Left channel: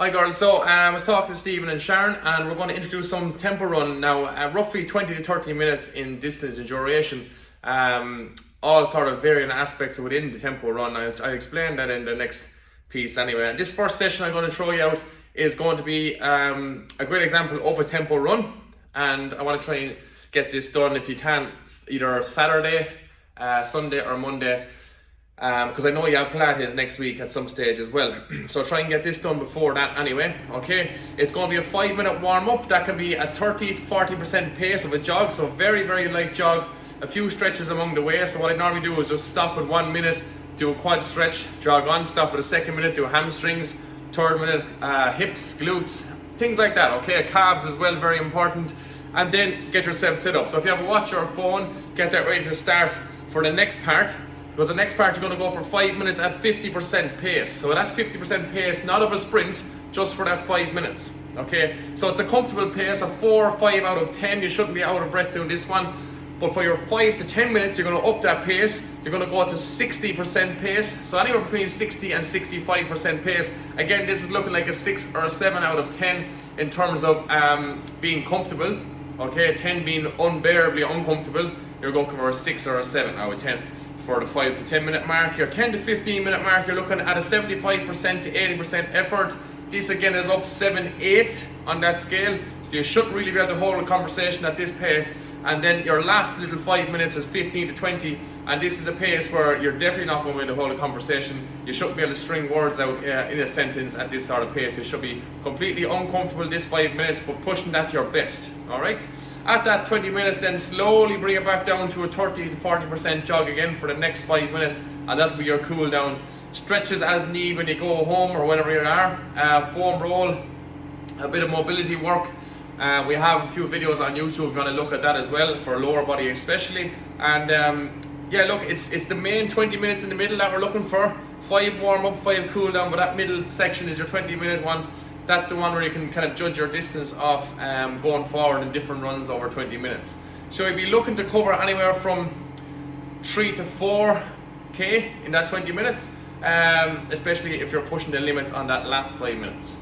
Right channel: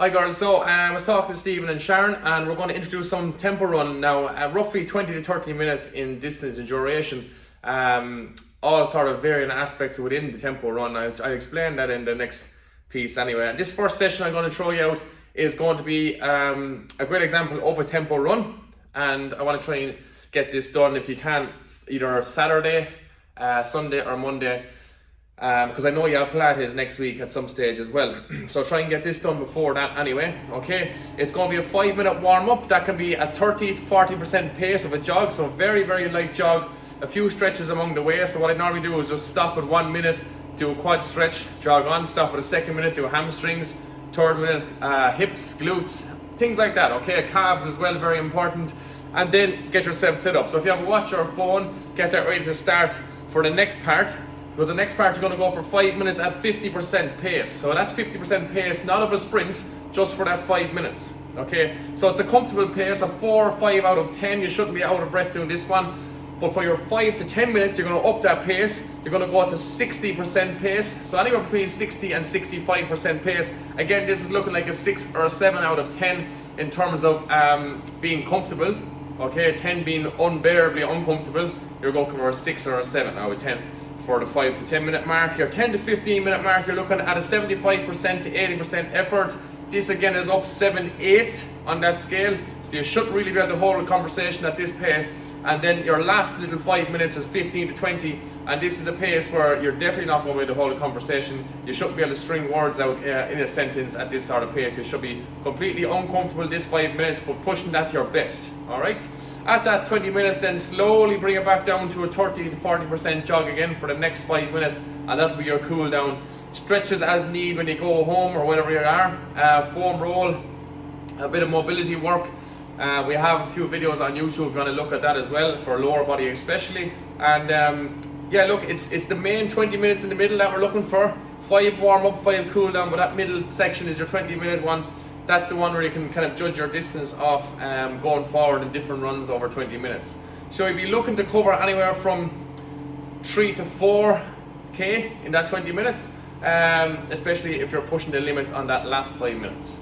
Hi girls, so I was talking to Stephen and Sharon and we're going to introduce some tempo run now, roughly 20 to 30 minutes in distance and duration, all sort of varying aspects within the tempo run. I'll explain that in the next piece anyway. This first session I'm going to throw you out is going to be a great example of a tempo run, and I want to try and get this done if you can, either Saturday, Sunday or Monday. Because I know you have Pilates next week at some stage as well. So try and get this done before that anyway, okay? It's going to be a 5-minute warm-up. That can be a 30 to 40% pace of a jog, so very, very light jog. A few stretches along the way. So what I normally do is just stop at 1 minute, do a quad stretch, jog on, stop at a second minute, do hamstrings, third minute, hips, glutes, things like that, okay? Calves as well, very important. And then get yourself set up. So if you have a watch or a phone, get that ready to start for the next part. Because the next part you're going to go for 5 minutes at 50% pace. So that's 50% pace, not of a sprint, just for that 5 minutes. Okay, so it's a comfortable pace of 4 or 5 out of 10. You shouldn't be out of breath doing this one. But for your 5 to 10 minutes, you're going to up that pace. You're going to go to 60% pace. So anywhere between 60 and 65% pace. Again, this is looking like a 6 or a 7 out of 10 in terms of being comfortable. Okay, 10 being unbearably uncomfortable. You're going for a 6 or a 7 out of 10. For the 5 to 10 minute mark, your 10 to 15 minute mark, you're looking at a 75% to 80% effort. This again is up 7-8 on that scale, so you shouldn't really be able to hold a conversation at this pace. And then your last little 5 minutes is 15 to 20, and this is a pace where you're definitely not going to be able to hold a conversation. You shouldn't be able to string words out in a sentence at this sort of pace. You should be completely uncomfortable this 5 minutes, but pushing that to your best. All right. At that 20 minutes, then slowly bring it back down to a 30 to 40% jog again for the next 5 minutes, and that'll be your cool down. Stretches as need when you go home or wherever you are. Foam roll, a bit of mobility work. We have a few videos on YouTube if you want to look at that as well, for lower body especially. And yeah, look, it's the main 20 minutes in the middle that we're looking for. 5 warm up, 5 cool down, but that middle section is your 20-minute one. That's the one where you can kind of judge your distance off going forward in different runs over 20 minutes. So you'd be looking to cover anywhere from 3 to 4K in that 20 minutes, especially if you're pushing the limits on that last 5 minutes.